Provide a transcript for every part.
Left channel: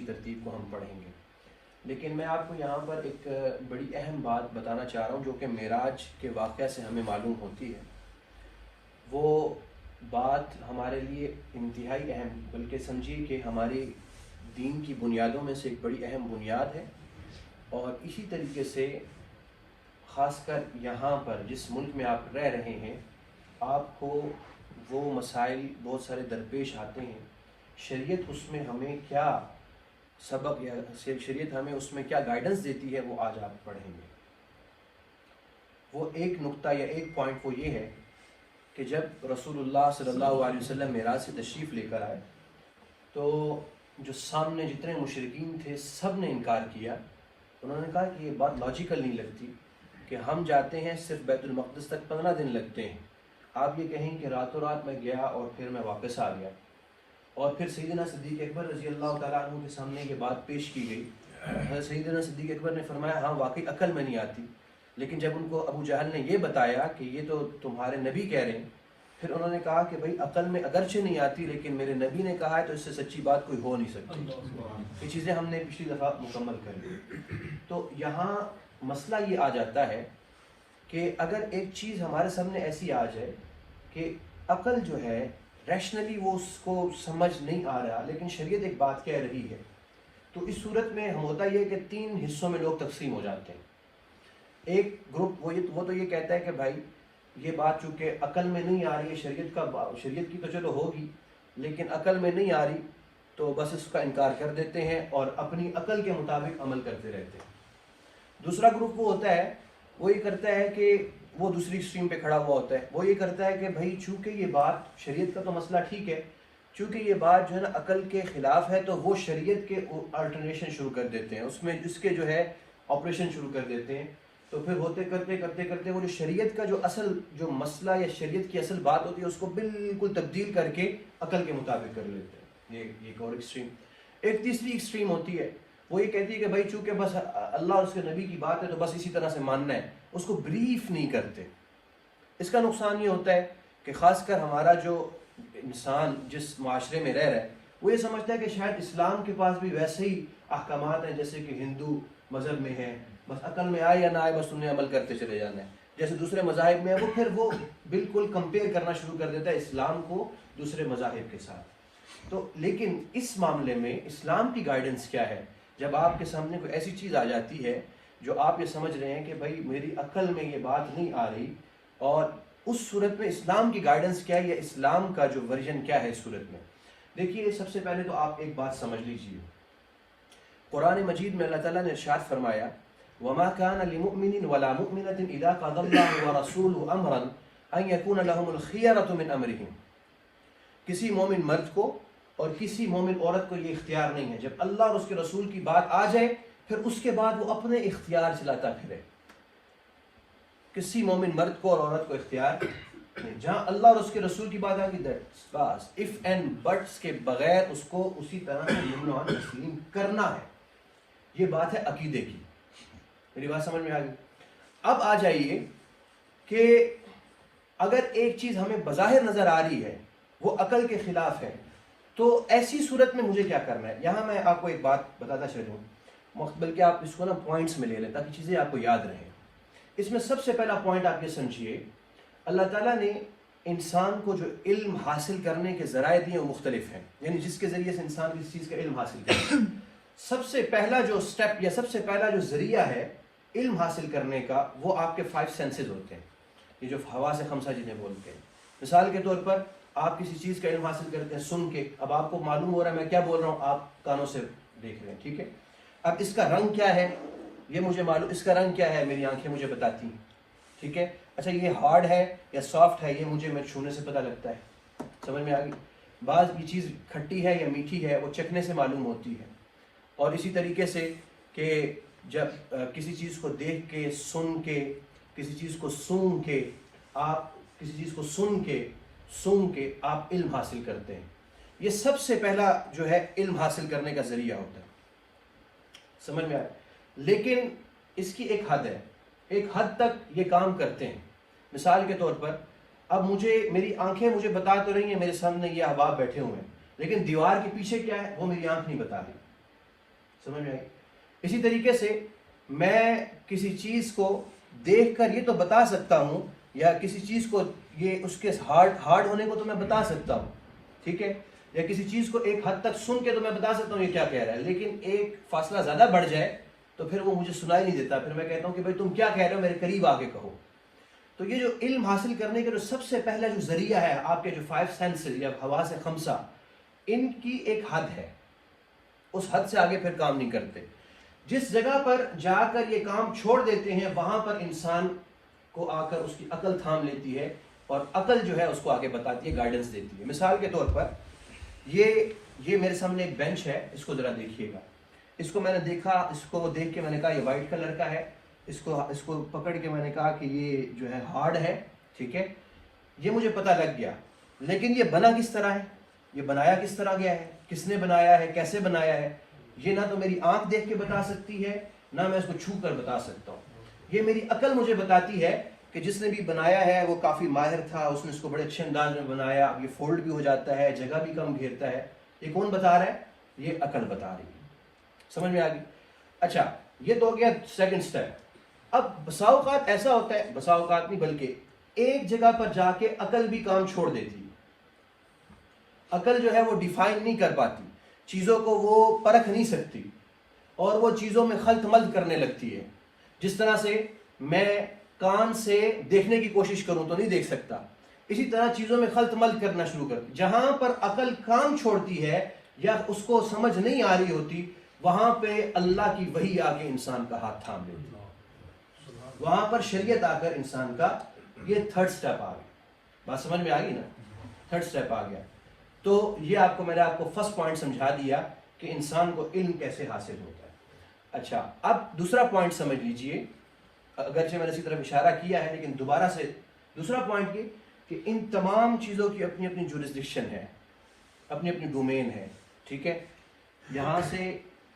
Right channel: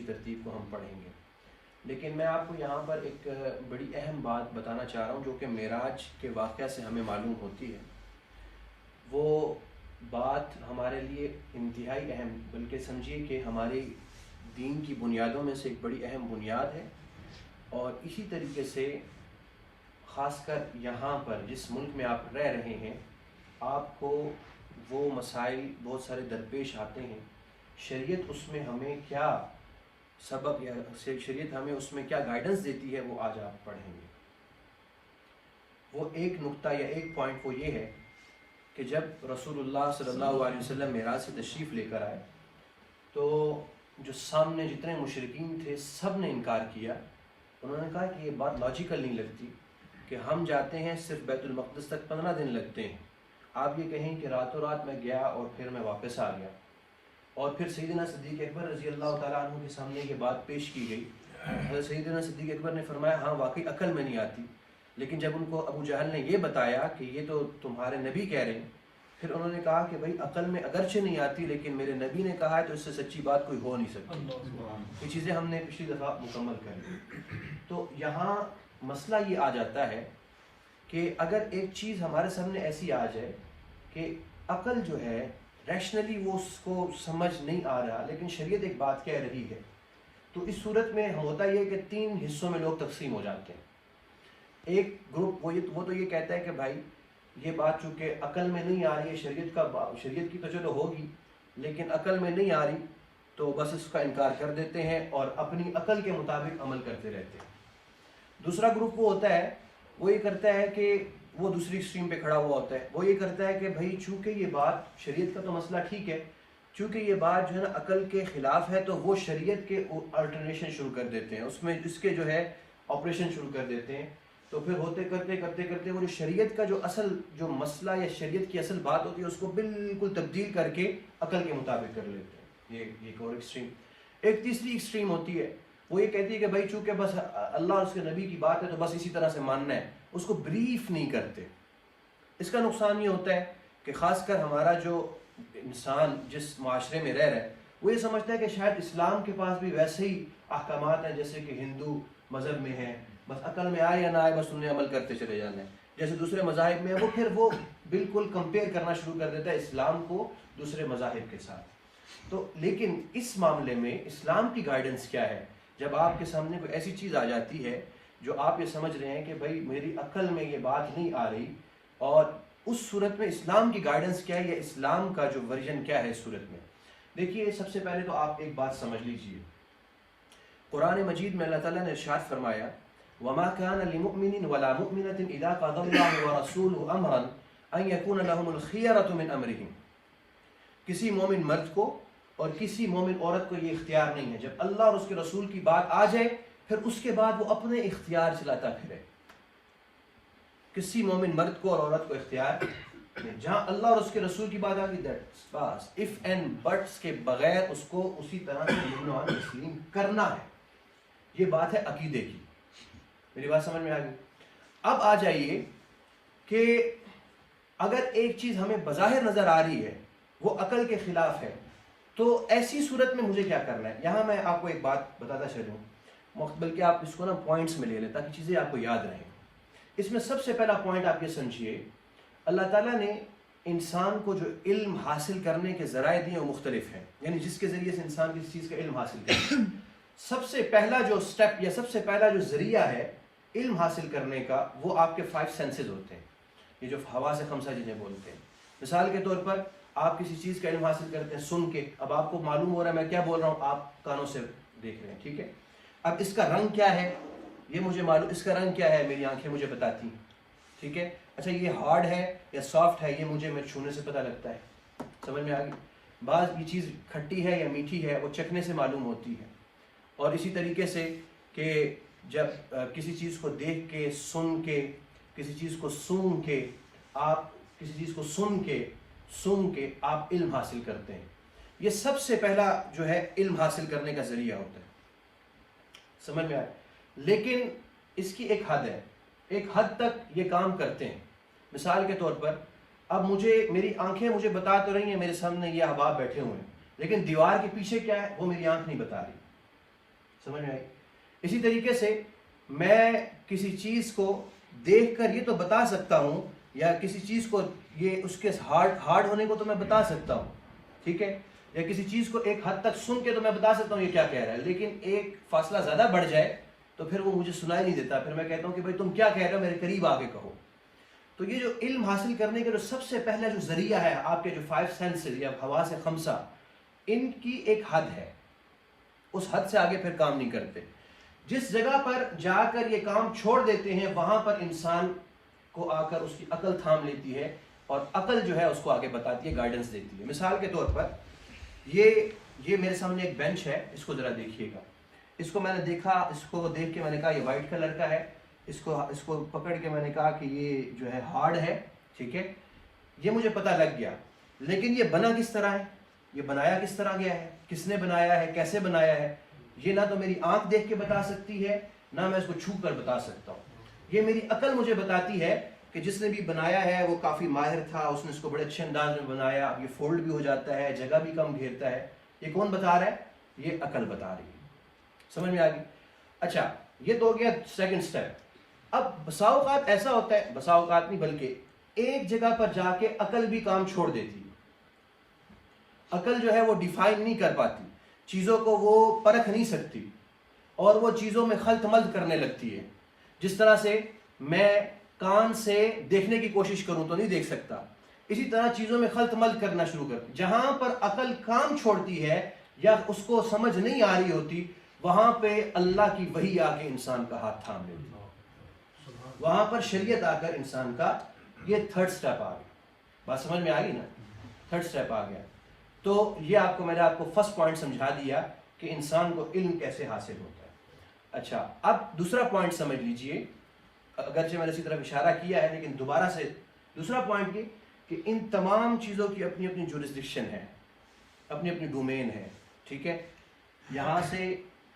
ترتیب کو ہم پڑھیں گے، لیکن میں آپ کو یہاں پر ایک بڑی اہم بات بتانا چاہ رہا ہوں جو کہ معراج کے واقعہ سے ہمیں معلوم ہوتی ہے۔ وہ بات ہمارے لیے انتہائی اہم، بلکہ سمجھیے کہ ہماری دین کی بنیادوں میں سے ایک بڑی اہم بنیاد ہے، اور اسی طریقے سے خاص کر یہاں پر جس ملک میں آپ رہ رہے ہیں، آپ کو وہ مسائل بہت سارے درپیش آتے ہیں۔ شریعت اس میں ہمیں کیا سبق یا شریعت ہمیں اس میں کیا گائیڈنس دیتی ہے، وہ آج آپ پڑھیں گے۔ وہ ایک نقطہ یا ایک پوائنٹ وہ یہ ہے کہ جب رسول اللہ صلی اللہ علیہ وسلم معراج سے تشریف لے کر آئے تو جو سامنے جتنے مشرکین تھے سب نے انکار کیا۔ انہوں نے کہا کہ یہ بات لاجیکل نہیں لگتی کہ ہم جاتے ہیں صرف بیت المقدس تک 15 دن لگتے ہیں، آپ یہ کہیں کہ راتوں رات میں گیا اور پھر میں واپس آ گیا۔ اور پھر سیدنا صدیق اکبر رضی اللہ تعالیٰ عنہ کے سامنے یہ بات پیش کی گئی۔ سیدنا صدیق اکبر نے فرمایا ہاں واقعی عقل میں نہیں آتی، لیکن جب ان کو ابو جہل نے یہ بتایا کہ یہ تو تمہارے نبی کہہ رہے ہیں، پھر انہوں نے کہا کہ بھائی عقل میں اگرچہ نہیں آتی لیکن میرے نبی نے کہا ہے تو اس سے سچی بات کوئی ہو نہیں سکتی۔ یہ چیزیں ہم نے پچھلی دفعہ مکمل کر لی۔ تو یہاں مسئلہ یہ آ جاتا ہے کہ اگر ایک چیز ہمارے سامنے ایسی آ جائے کہ عقل جو ہے ریشنلی وہ اس کو سمجھ نہیں آ رہا، لیکن شریعت ایک بات کہہ رہی ہے، تو اس صورت میں ہم ہوتا یہ کہ 3 حصوں میں لوگ تقسیم ہو جاتے ہیں۔ ایک گروپ وہ تو یہ کہتا ہے کہ بھائی یہ بات چونکہ عقل میں نہیں آ رہی ہے، شریعت کی تو چلو ہوگی لیکن عقل میں نہیں آ رہی تو بس اس کا انکار کر دیتے ہیں اور اپنی عقل کے مطابق عمل کرتے رہتے ہیں۔ دوسرا گروپ وہ ہوتا ہے، وہ یہ کرتا ہے کہ وہ دوسری اسٹریم پہ کھڑا ہوا ہوتا ہے، وہ یہ کرتا ہے کہ بھائی چونکہ یہ بات شریعت کا تو مسئلہ ٹھیک ہے، چونکہ یہ بات جو ہے نا عقل کے خلاف ہے تو وہ شریعت کے الٹرنیشن شروع کر دیتے ہیں، اس میں اس کے جو ہے آپریشن شروع کر دیتے ہیں۔ تو پھر ہوتے کرتے وہ جو شریعت کا جو مسئلہ یا شریعت کی اصل بات ہوتی ہے اس کو بالکل تبدیل کر کے عقل کے مطابق کر لیتے ہیں۔ یہ ایک اور ایکسٹریم۔ ایک تیسری ایکسٹریم ہوتی ہے، وہ یہ کہتی ہے کہ بھائی چونکہ بس اللہ اور اس کے نبی کی بات ہے تو بس اسی طرح سے ماننا ہے، اس کو بریف نہیں کرتے۔ اس کا نقصان یہ ہوتا ہے کہ خاص کر ہمارا جو انسان جس معاشرے میں رہ رہا ہے وہ یہ سمجھتا ہے کہ شاید اسلام کے پاس بھی ویسے ہی احکامات ہیں جیسے کہ ہندو مذہب میں ہیں، بس عقل میں آئے یا نہ آئے بس تم نے عمل کرتے چلے جانا ہے۔ جیسے دوسرے مذاہب میں ہے وہ بالکل کمپیئر کرنا شروع کر دیتا ہے اسلام کو دوسرے مذاہب کے ساتھ۔ تو لیکن اس معاملے میں اسلام کی گائیڈنس کیا ہے؟ جب آپ کے سامنے کوئی ایسی چیز آ جاتی ہے جو آپ یہ سمجھ رہے ہیں کہ بھائی میری عقل میں یہ بات نہیں آ رہی، اور اس صورت میں اسلام کی گائیڈنس کیا ہے یا اسلام کا جو ورژن کیا ہے اس صورت میں؟ دیکھیے سب سے پہلے تو آپ ایک بات سمجھ لیجئے، قرآن مجید میں اللہ تعالیٰ نے ارشاد فرمایا وَمَا كَانَ لِمُؤْمِنٍ وَلَا مُؤْمِنَةٍ إِذَا قَضَى اللَّهُ وَرَسُولُهُ أَمْرًا أَن يَكُونَ لَهُمُ الْخِيَرَةُ مِنْ أَمْرِهِمْ۔ کسی مومن مرد کو اور کسی مومن عورت کو یہ اختیار نہیں ہے، جب اللہ اور اس کے رسول کی بات آ جائے پھر اس کے بعد وہ اپنے اختیار چلاتا پھرے۔ کسی مومن مرد کو اور عورت کو اختیار نہیں، جہاں اللہ اور اس کے رسول کی بات آ گئی بس اف اینڈ بٹس کے بغیر اس کو اسی طرح سے یمنعن تسلیم کرنا ہے۔ یہ بات ہے عقیدے کی۔ میری بات سمجھ میں آ گئی؟ اب آ جائیے کہ اگر ایک چیز ہمیں بظاہر نظر آ رہی ہے وہ عقل کے خلاف ہے تو ایسی صورت میں مجھے کیا کرنا ہے؟ یہاں میں آپ کو ایک بات بتاتا چلوں، بلکہ آپ اس کو نا پوائنٹس میں لے لیں تاکہ چیزیں آپ کو یاد رہیں۔ اس میں سب سے پہلا پوائنٹ آپ یہ سمجھیے، اللہ تعالیٰ نے انسان کو جو علم حاصل کرنے کے ذرائع دیے وہ مختلف ہیں، یعنی جس کے ذریعے سے انسان کسی چیز کا علم حاصل کرے۔ سب سے پہلا جو سٹیپ یا سب سے پہلا جو ذریعہ ہے علم حاصل کرنے کا وہ آپ کے 5 سینسز ہوتے ہیں، یہ جو حواس خمسہ جنہیں بولتے ہیں۔ مثال کے طور پر آپ کسی چیز کا علم حاصل کرتے ہیں سن کے، اب آپ کو معلوم ہو رہا ہے میں کیا بول رہا ہوں، آپ کانوں سے دیکھ رہے ہیں، ٹھیک ہے۔ اب اس کا رنگ کیا ہے یہ مجھے معلوم، اس کا رنگ کیا ہے میری آنکھیں مجھے بتاتی ہیں، ٹھیک ہے۔ اچھا یہ ہارڈ ہے یا سافٹ ہے یہ مجھے میں چھونے سے پتہ لگتا ہے، سمجھ میں آ گئی۔ بعض یہ چیز کھٹی ہے یا میٹھی ہے وہ چکھنے سے معلوم ہوتی ہے۔ اور اسی طریقے سے کہ جب کسی چیز کو دیکھ کے سن کے کسی چیز کو سونگ کے آپ کسی چیز کو سن کے آپ علم حاصل کرتے ہیں، یہ سب سے پہلا جو ہے علم حاصل کرنے کا ذریعہ ہوتا ہے، سمجھ میں آئے۔ لیکن اس کی ایک حد ہے، ایک حد تک یہ کام کرتے ہیں۔ مثال کے طور پر اب میری آنکھیں مجھے بتا تو رہی ہیں میرے سامنے یہ احباب بیٹھے ہوئے ہیں، لیکن دیوار کے پیچھے کیا ہے وہ میری آنکھ نہیں بتا رہی، سمجھ میں آئی؟ اسی طریقے سے میں کسی چیز کو دیکھ کر یہ تو بتا سکتا ہوں، یا کسی چیز کو یہ اس کے ہارڈ ہونے کو تو میں بتا سکتا ہوں، ٹھیک ہے، یا کسی چیز کو ایک حد تک سن کے تو میں بتا سکتا ہوں یہ کیا کہہ رہا ہے، لیکن ایک فاصلہ زیادہ بڑھ جائے تو پھر وہ مجھے سنائی نہیں دیتا، پھر میں کہتا ہوں کہ بھائی تم کیا کہہ رہے ہو، میرے قریب آ کے کہو۔ تو یہ جو علم حاصل کرنے کا جو سب سے پہلا جو ذریعہ ہے، آپ کے جو 5 سینسز یا حواس خمسہ، ان کی ایک حد ہے، اس حد سے آگے پھر کام نہیں کرتے۔ جس جگہ پر جا کر یہ کام چھوڑ دیتے ہیں وہاں پر انسان کو آ کر اس کی عقل تھام لیتی ہے، اور عقل جو ہے اس کو آگے بتاتی ہے، گائیڈنس دیتی ہے۔ مثال کے طور پر یہ میرے سامنے ایک بینچ ہے، اس کو ذرا دیکھیے گا۔ اس کو میں نے دیکھا، اس کو دیکھ کے میں نے کہا یہ وائٹ کلر کا ہے، اس کو پکڑ کے میں نے کہا کہ یہ جو ہے ہارڈ ہے، ٹھیک ہے، یہ مجھے پتہ لگ گیا، لیکن یہ بنا کس طرح ہے، یہ بنایا کس طرح گیا ہے، کس نے بنایا ہے، کیسے بنایا ہے، یہ نہ تو میری آنکھ دیکھ کے بتا سکتی ہے، نہ میں اس کو چھو کر بتا سکتا ہوں۔ یہ میری عقل مجھے بتاتی ہے کہ جس نے بھی بنایا ہے وہ کافی ماہر تھا، اس نے اس کو بڑے اچھے انداز میں بنایا، اب یہ فولڈ بھی ہو جاتا ہے، جگہ بھی کم گھیرتا ہے۔ یہ کون بتا رہا ہے؟ یہ عقل بتا رہی ہے۔ سمجھ میں آ گئی؟ اچھا، یہ تو ہو گیا سیکنڈ سٹیپ۔ اب بسا اوقات ایسا ہوتا ہے، بسا اوقات نہیں بلکہ ایک جگہ پر جا کے عقل بھی کام چھوڑ دیتی ہے۔ عقل جو ہے وہ ڈیفائن نہیں کر پاتی، چیزوں کو وہ پرکھ نہیں سکتی، اور وہ چیزوں میں خلط ملط کرنے لگتی ہے۔ جس طرح سے میں کان سے دیکھنے کی کوشش کروں تو نہیں دیکھ سکتا، اسی طرح چیزوں میں خلط ملط کرنا شروع کر، جہاں پر عقل کام چھوڑتی ہے یا اس کو سمجھ نہیں آ رہی ہوتی، وہاں پہ اللہ کی وحی آ کے انسان کا ہاتھ تھام لیتی ہے، وہاں پر شریعت آ کر انسان کا یہ تھرڈ سٹیپ آ گیا۔ بات سمجھ میں آ گئی نا؟ تھرڈ سٹیپ آ گیا۔ تو یہ میں نے آپ کو فرسٹ پوائنٹ سمجھا دیا کہ انسان کو علم کیسے حاصل ہوتا ہے۔ اچھا، اب دوسرا پوائنٹ سمجھ لیجئے، اگرچہ میں نے اسی طرف اشارہ کیا ہے لیکن دوبارہ سے دوسرا پوائنٹ یہ کہ ان تمام چیزوں کی اپنی اپنی جورسڈکشن ہے، اپنی اپنی ڈومین ہے، ٹھیک ہے۔ یہاں سے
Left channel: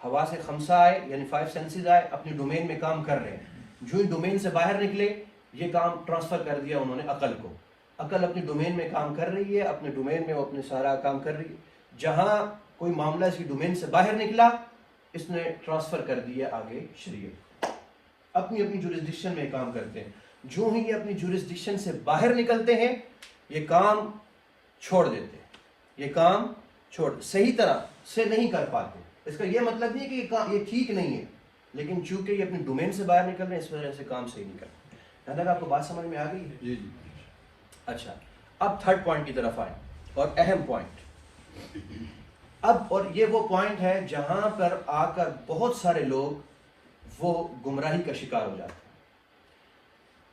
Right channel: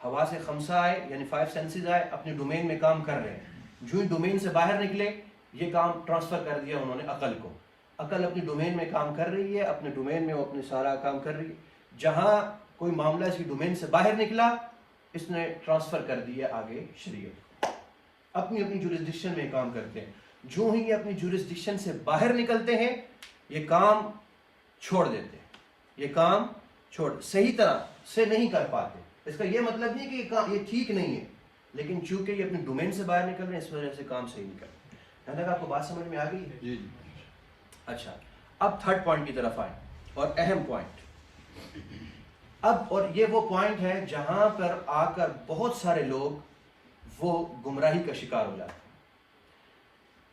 حواس خمسہ آئے، یعنی 5 سینسز آئے، اپنی ڈومین میں کام کر رہے ہیں، جو ہی ڈومین سے باہر نکلے یہ کام ٹرانسفر کر دیا انہوں نے عقل کو، عقل اپنی ڈومین میں کام کر رہی ہے، اپنے ڈومین میں وہ اپنے سارا کام کر رہی ہے، جہاں کوئی معاملہ اس کی ڈومین سے باہر نکلا اس نے ٹرانسفر کر دیا آگے شریعت، اپنی اپنی جورسڈکشن میں کام کرتے ہیں۔ جو ہی یہ اپنی جورسڈکشن سے باہر نکلتے ہیں یہ کام چھوڑ دیتے ہیں، یہ کام صحیح طرح سے نہیں کر پاتے۔ اس کا یہ مطلب نہیں کہ یہ ٹھیک نہیں ہے، لیکن چونکہ یہ اپنی ڈومین سے باہر نکل رہے ہیں اس وجہ سے کام صحیح نہیں کرتے۔ یہاں تک آپ کو بات سمجھ میں آ گئی ہے؟ جی۔ اچھا، اب تھرڈ پوائنٹ کی طرف آئیں، اور اہم پوائنٹ۔ اور یہ وہ پوائنٹ ہے جہاں پر آ کر بہت سارے لوگ وہ گمراہی کا شکار ہو جاتے ہیں۔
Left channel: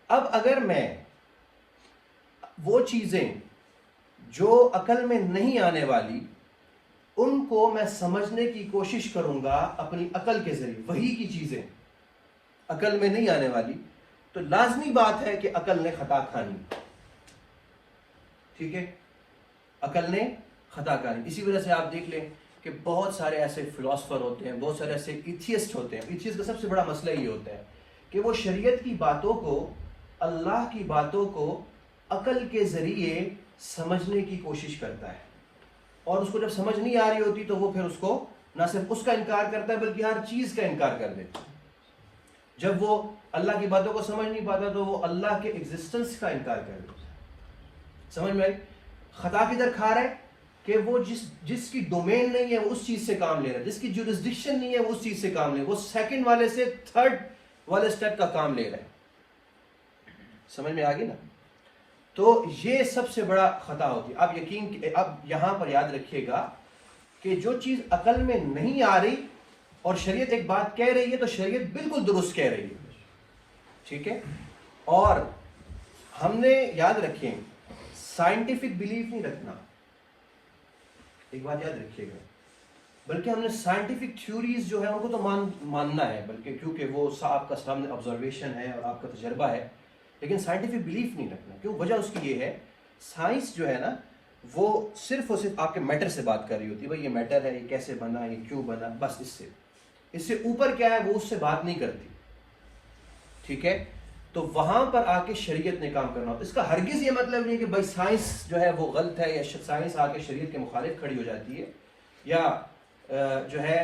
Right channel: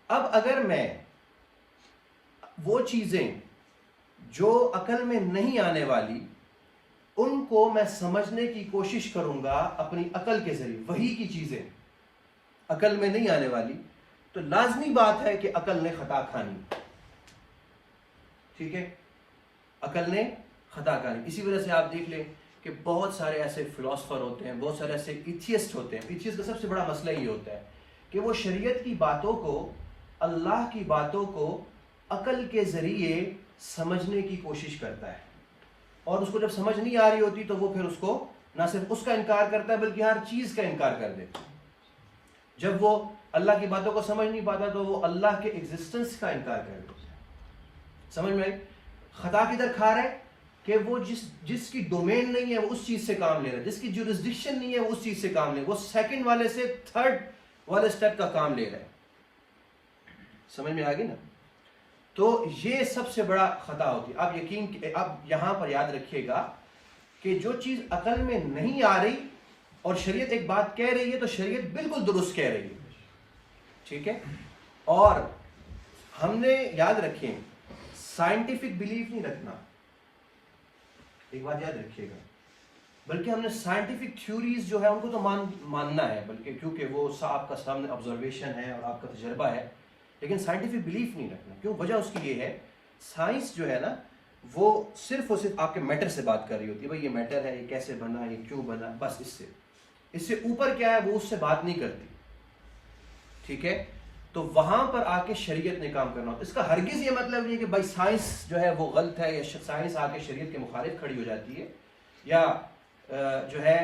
اب اگر میں وہ چیزیں جو عقل میں نہیں آنے والی ان کو میں سمجھنے کی کوشش کروں گا اپنی عقل کے ذریعے، وہی کی چیزیں عقل میں نہیں آنے والی، تو لازمی بات ہے کہ عقل نے خطا کھانی، ٹھیک ہے، عقل نے خطا کھانی۔ اسی وجہ سے آپ دیکھ لیں کہ بہت سارے ایسے فلاسفر ہوتے ہیں، بہت سارے ایسے ایتھیسٹ ہوتے ہیں۔ ایتھیسٹ کا سب سے بڑا مسئلہ یہ ہوتا ہے کہ وہ شریعت کی باتوں کو، اللہ کی باتوں کو عقل کے ذریعے سمجھنے کی کوشش کرتا ہے، اور اس کو جب سمجھ نہیں آ رہی ہوتی تو وہ پھر اس کو نہ صرف اس کا انکار کرتا ہے بلکہ ہر چیز کا انکار کر دیتا ہے۔ جب وہ اللہ کی باتوں کو سمجھ نہیں پاتا تو وہ اللہ کے ایگزسٹنس کا انکار کر دیتا ہے۔ سمجھ میں آئی؟ خطا کدھر کھا رہا ہے کہ وہ جس کی ڈومین نہیں ہے وہ اس چیز سے کام لے رہا ہے، جس کی جورسڈکشن نہیں ہے وہ اس چیز سے کام لے رہا ہے، وہ سیکنڈ والے سے تھرڈ والے سٹیپ کا کام لے رہا ہے۔ سمجھ میں آ گئی نا؟ تو یہ سب سے بڑا خطا ہوتی ہے۔ اب یہاں پر یاد رکھیے گا کہ جو چیز عقل میں نہیں آ رہی اور شریعت ایک بات کہہ رہی ہے تو شریعت بالکل درست کہہ رہی ہے، ٹھیک ہے۔ اور ہم نے یاد رکھیں سائنٹیفک بلیف نہیں رکھنا، ایک بات یاد رکھیے گا، بلکہ ہم نے سائنٹیفک تھیوریز جو ہے ان کو تو ماننا ہے، بلکہ کیونکہ وہ آپ کا سامنے آبزرویشن ہے اور آپ کا تجربہ ہے، لیکن سائنٹیفک بلیف نہیں رکھنا۔ کیوں؟ وجہ اس کی یہ ہے، سائنس جو ہے نا وہ صرف اور صرف آپ کے میٹر سے بات کر رہی ہوتی ہے، بھائی یہ میٹر ہے، یہ کیسے بنا، یہ کیوں بنا، بس اس سے اوپر کیا ہے وہ اس سے بات نہیں کرتی، ٹھیک ہے۔ تو وہاں پر آ کے شریعت نے کام کرنا ہوتا ہے۔ اس کا ہرگز یہ مطلب نہیں ہے کہ بھائی سائنس جو ہے وہ غلط ہے، یا سائنس آ کے شریعت کے مخالف کھڑی ہو جاتی ہے، یا جو ہے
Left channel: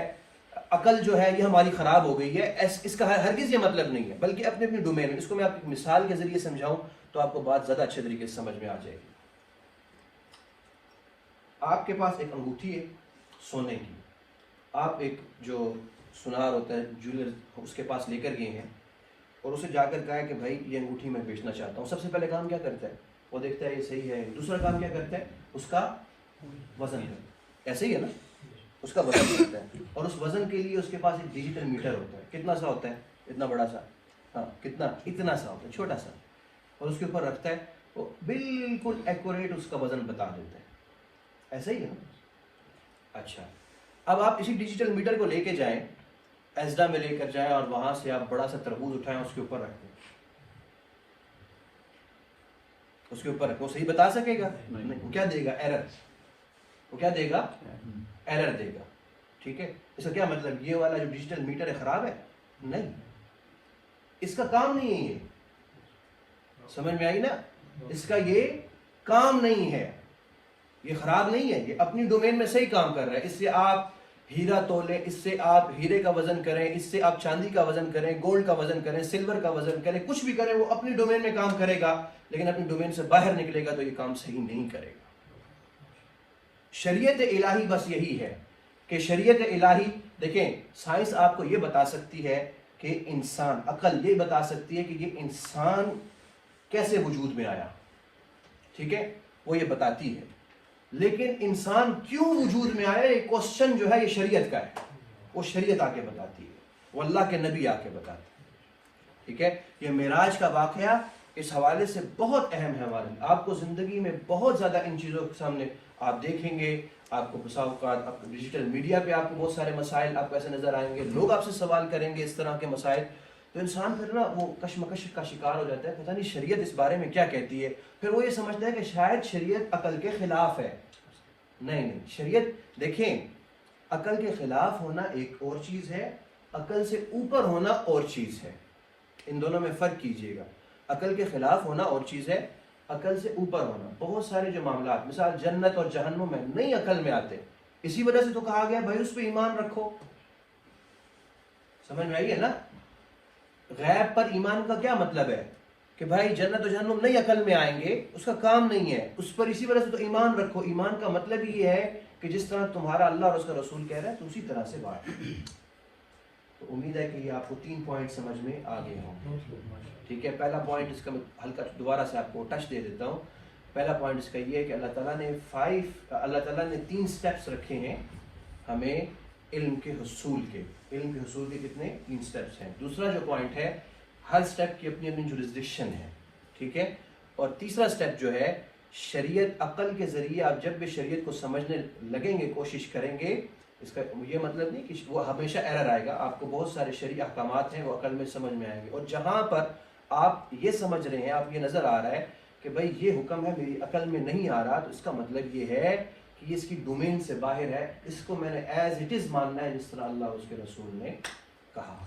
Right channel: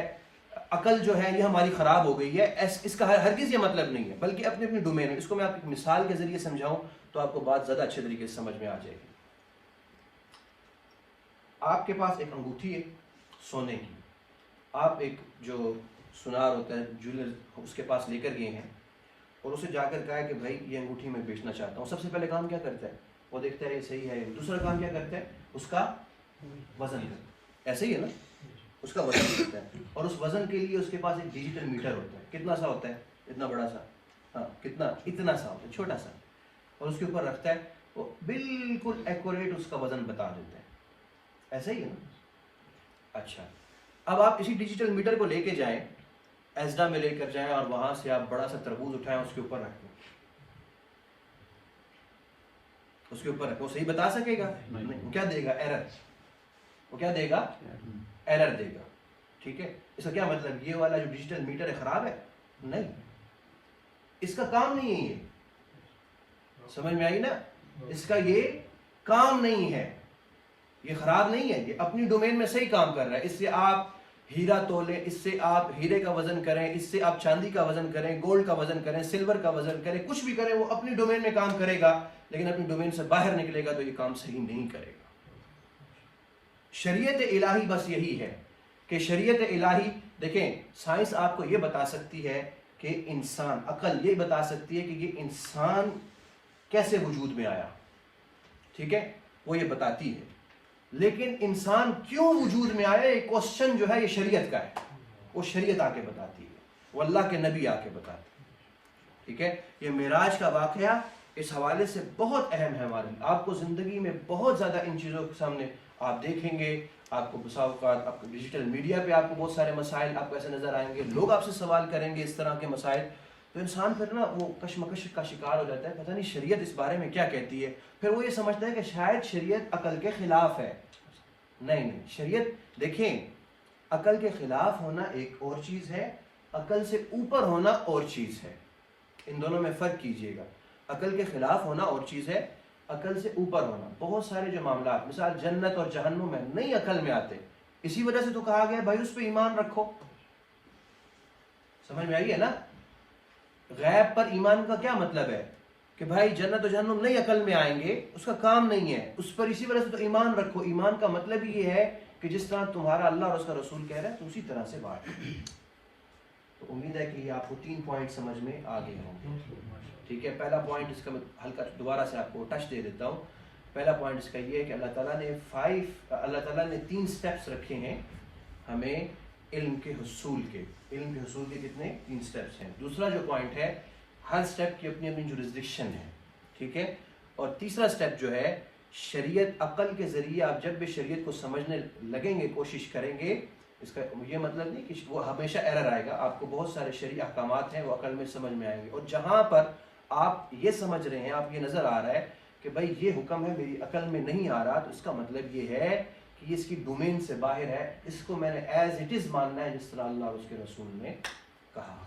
عقل جو ہے یہ ہماری خراب ہو گئی ہے، اس کا ہرگز یہ مطلب نہیں ہے، بلکہ اپنے اپنی ڈومین ہے. اس کو میں آپ ایک مثال کے ذریعے سمجھاؤں تو آپ کو بات زیادہ اچھے طریقے سے سمجھ میں آ جائے گی. آپ کے پاس ایک انگوٹھی ہے سونے کی، آپ ایک جو سنار ہوتا ہے جویلر اس کے پاس لے کر گئے ہیں اور اسے جا کر کہا ہے کہ بھائی یہ انگوٹھی میں بیچنا چاہتا ہوں. سب سے پہلے کام کیا کرتا ہے؟ وہ دیکھتا ہے یہ صحیح ہے. دوسرا کام کیا کرتا ہے؟ اس کا وزن کرتا ہے. ایسے ہی ہے نا، اس کا وزن کرتا ہے. اور اس وزن کے لیے اس کے پاس ایک ڈیجیٹل میٹر ہوتا ہے. کتنا سا ہوتا ہے؟ اتنا بڑا سا، ہاں کتنا، اتنا سا ہوتا ہے، چھوٹا سا. اور اس کے اوپر رکھتا ہے، وہ بالکل ایکوریٹ اس کا وزن بتا دیتا ہے. ایسا ہی ہے نا. اچھا، اب آپ اسی ڈیجیٹل میٹر کو لے کے جائیں، ایزڈا میں لے کر جائیں اور وہاں سے آپ بڑا سا تربوز اٹھائیں، اس کے اوپر رکھیں، اس کے اوپر رکھیں، وہ صحیح بتا سکے گا؟ نہیں. وہ کیا دے گا؟ ایرر. وہ کیا دے گا؟ ایرر دے گا. ٹھیک ہے. اس کا کیا مطلب؟ یہ والا جو ڈیجیٹل میٹر ہے خراب ہے؟ نہیں، اس کا کام نہیں ہے یہ. سمجھ میں آئی نا؟ اس کا یہ کام نہیں ہے، یہ خراب نہیں ہے، یہ اپنی ڈومین میں صحیح کام کر رہا ہے. اس سے آپ ہیرا تولیں، اس سے آپ ہیرے کا وزن کریں، اس سے آپ چاندی کا وزن کریں، گولڈ کا وزن کریں، سلور کا وزن کریں، کچھ بھی کریں، وہ اپنی ڈومین میں کام کرے گا. لیکن اپنی ڈومین سے باہر نکلے گا تو یہ کام صحیح نہیں کرے گا. شریعت الہی بس یہی ہے کہ شریعت الہی، دیکھیں سائنس آپ کو یہ بتا سکتی ہے کہ انسان، عقل یہ بتا سکتی ہے کہ یہ انسان کیسے وجود میں آیا. ٹھیک ہے، وہ یہ بتاتی ہے. لیکن انسان کیوں وجود میں آیا، یہ کوسچن جو ہے یہ شریعت کا ہے. وہ شریعت آ کے بتاتی ہے، وہ اللہ کے نبی آ کے بتاتے ہیں. ٹھیک ہے. یہ معراج کا واقعہ اس حوالے سے بہت اہم ہے ہمارے لیے. آپ کو زندگی میں بہت زیادہ ان چیزوں کے سامنے آپ دیکھیں گے. آپ کو بسا اوقات آپ کو ڈیجیٹل میڈیا پہ آپ کو بہت سارے مسائل آپ کو ایسے نظر آئیں گے، لوگ آپ سے سوال کریں گے اس طرح کے مسائل. تو انسان پھر نا وہ کشمکش کا شکار ہو جاتا ہے، پتہ نہیں شریعت اس بارے میں کیا کہتی ہے. پھر وہ یہ سمجھتا ہے کہ شاید شریعت عقل کے خلاف ہے. نہیں، شریعت دیکھیں، عقل کے خلاف ہونا ایک اور چیز ہے، عقل سے اوپر ہونا اور چیز ہے. ان دونوں میں فرق کیجئے گا. عقل کے خلاف ہونا اور چیز ہے، عقل سے اوپر ہونا. بہت سارے جو معاملات، مثال جنت اور جہنم میں نہیں عقل میں آتے، اسی وجہ سے تو کہا گیا بھائی اس پہ ایمان رکھو. سمجھ میں آئی ہے نا؟ غیب پر ایمان کا کیا مطلب ہے کہ بھائی جنت و جہنم نہیں عقل میں آئیں گے، اس کا کام نہیں ہے، اس پر اسی وجہ سے تو ایمان رکھو. ایمان کا مطلب یہ ہے کہ جس طرح تمہارا اللہ اور اس کا رسول کہہ رہا ہے تو اسی طرح سے بات. تو امید ہے کہ یہ آپ کو 3 پوائنٹ سمجھ میں آ گئے ہوں گے. ٹھیک ہے. پہلا پوائنٹ اس کا میں ہلکا دوبارہ سے آپ کو ٹچ دے دیتا ہوں. پہلا پوائنٹ اس کا یہ ہے کہ اللہ تعالیٰ نے 3 سٹیپس رکھے ہیں ہمیں علم کے حصول کے. علم کے حصول کے کتنے؟ 3 سٹیپس ہیں. دوسرا جو پوائنٹ ہے، ہر سٹیپ کی اپنی اپنی جورسڈکشن ہے. ٹھیک ہے. اور تیسرا سٹیپ جو ہے، شریعت عقل کے ذریعے آپ جب بھی شریعت کو سمجھنے لگیں گے، کوشش کریں گے، اس کا یہ مطلب نہیں کہ وہ ہمیشہ ایرر آئے گا. آپ کو بہت سارے شرعی احکامات ہیں وہ عقل میں سمجھ میں آئیں گے. اور جہاں پر آپ یہ سمجھ رہے ہیں، آپ یہ نظر آ رہا ہے کہ بھائی یہ حکم ہے میری عقل میں نہیں آ رہا، تو اس کا مطلب یہ ہے کہ اس کی ڈومین سے باہر ہے. اس کو میں نے ایز اٹ از ماننا ہے جس طرح اللہ اور اس کے رسول نے کہا.